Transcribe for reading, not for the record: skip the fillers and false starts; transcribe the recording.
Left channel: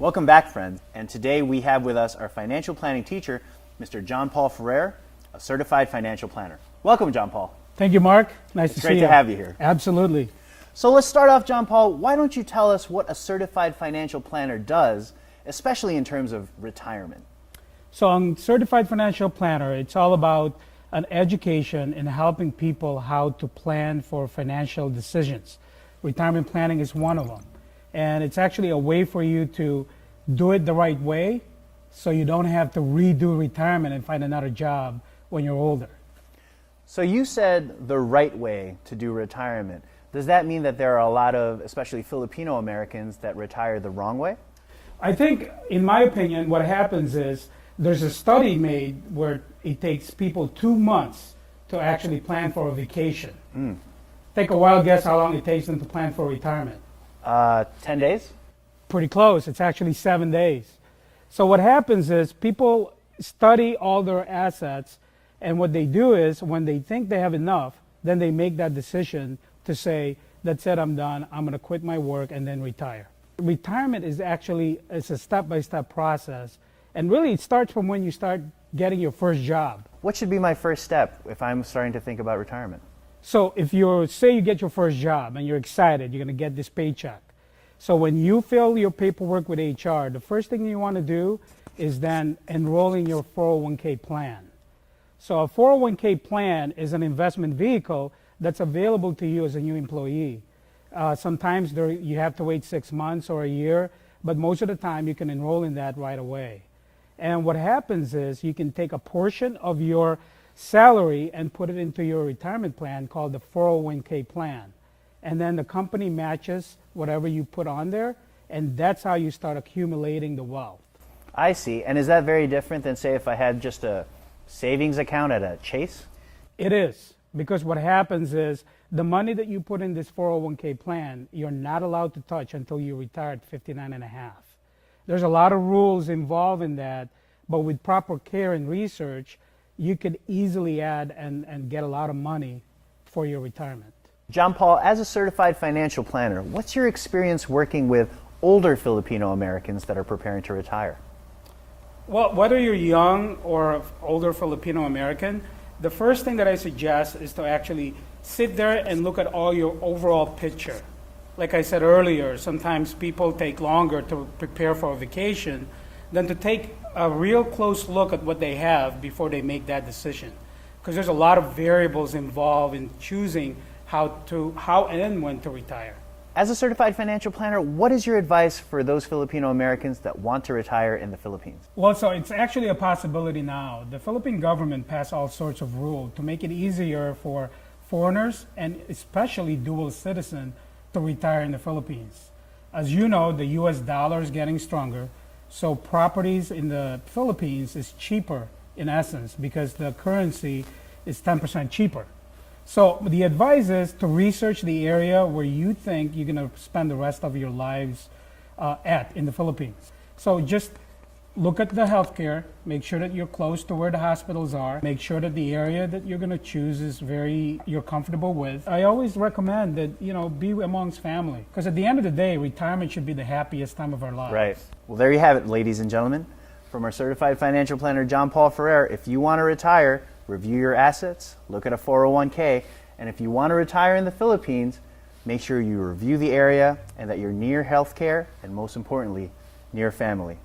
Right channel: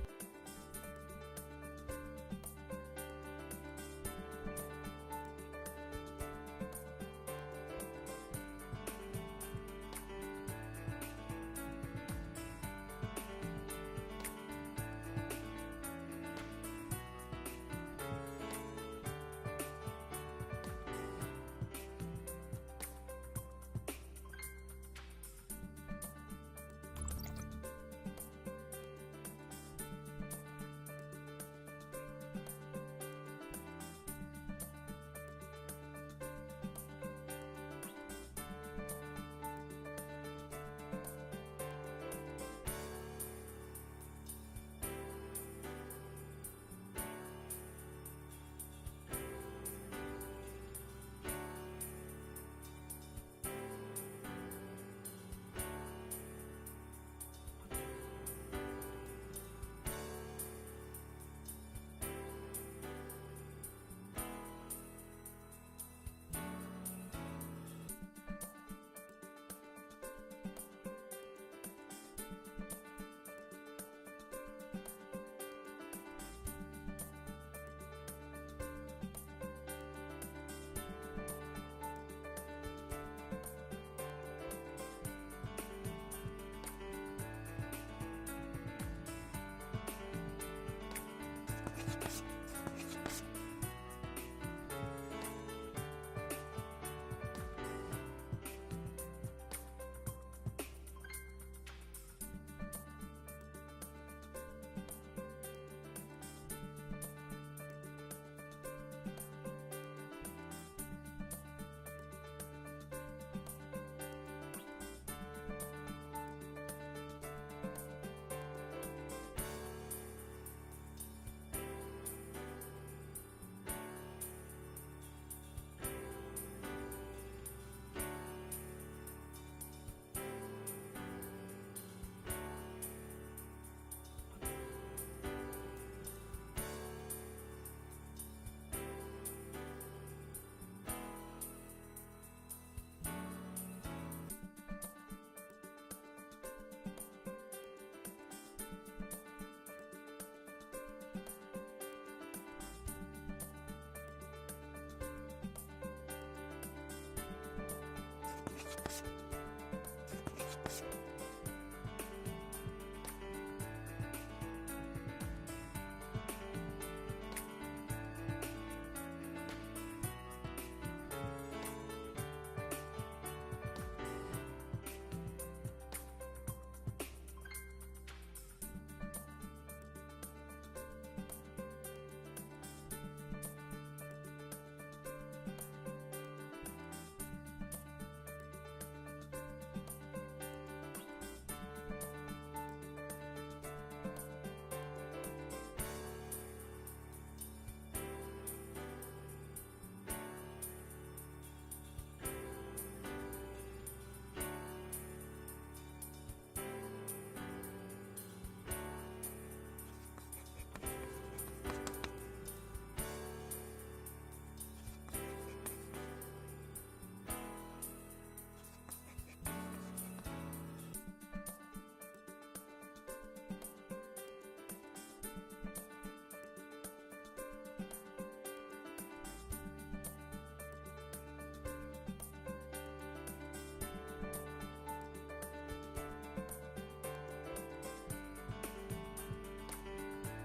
Welcome back, friends. And today we have with us our financial planning teacher, Mr. Paul Ferrer, a certified financial planner. Welcome, Paul. Thank you, Mark. Nice to see you. Great to have you here. Absolutely. So let's start off, Paul. Why don't you tell us what a certified financial planner does, especially in terms of retirement? So on Certified Financial Planner, it's all about an education in helping people how to plan for financial decisions. Retirement planning is one of them. And it's actually a way for you to do it the right way so you don't have to redo retirement and find another job when you're older. So you said the right way to do retirement. Does that mean that there are a lot of, especially Filipino Americans, that retire the wrong way? I think, in my opinion, what happens is there's a study made where it takes people 2 months to actually plan for a vacation. Take a wild guess how long it takes them to plan for retirement. 10 days? Pretty close. It's actually 7 days. So what happens is people study all their assets, and what they do is when they think they have enough, then they make that decision to say, that's it, I'm done, I'm going to quit my work and then retire. Retirement is actually a step-by-step process, and really it starts from when you start getting your first job. What should be my first step if I'm starting to think about retirement? So if say you get your first job and you're excited, you're going to get this paycheck. So when you fill your paperwork with HR, the first thing you want to do is then enroll in your 401k plan. So a 401k plan is an investment vehicle that's available to you as a new employee. Sometimes you have to wait 6 months or a year, but most of the time you can enroll in that right away. And what happens is you can take a portion of your salary and put it into your retirement plan called the 401k plan. And then the company matches whatever you put on there, and that's how you start accumulating the wealth. I see. And is that very different than, say, if I had just a savings account at a Chase? It is, because what happens is the money that you put in this 401k plan, you're not allowed to touch until you retire at 59 and a half. There's a lot of rules involved in that, but with proper care and research, you could easily add and get a lot of money for your retirement. Paul, as a certified financial planner, what's your experience working with older Filipino Americans that are preparing to retire? Well, whether you're young or older Filipino American, the first thing that I suggest is to actually sit there and look at all your overall picture. Like I said earlier, sometimes people take longer to prepare for a vacation than to take a real close look at what they have before they make that decision. Because there's a lot of variables involved in choosing how and when to retire. As a certified financial planner, what is your advice for those Filipino Americans that want to retire in the Philippines? Well, so it's actually a possibility now. The Philippine government passed all sorts of rules to make it easier for foreigners and especially dual citizens to retire in the Philippines. As you know, the US dollar is getting stronger, so properties in the Philippines is cheaper in essence because the currency is 10% cheaper. So the advice is to research the area where you think you're going to spend the rest of your lives in the Philippines. So just look at the healthcare, make sure that you're close to where the hospitals are, make sure that the area that you're going to choose is you're comfortable with. I always recommend that, be amongst family, because at the end of the day, retirement should be the happiest time of our lives. Right. Well, there you have it, ladies and gentlemen. From our certified financial planner, Paul Ferrer, if you want to retire, review your assets, look at a 401k, and if you want to retire in the Philippines, make sure you review the area and that you're near healthcare and most importantly, near family.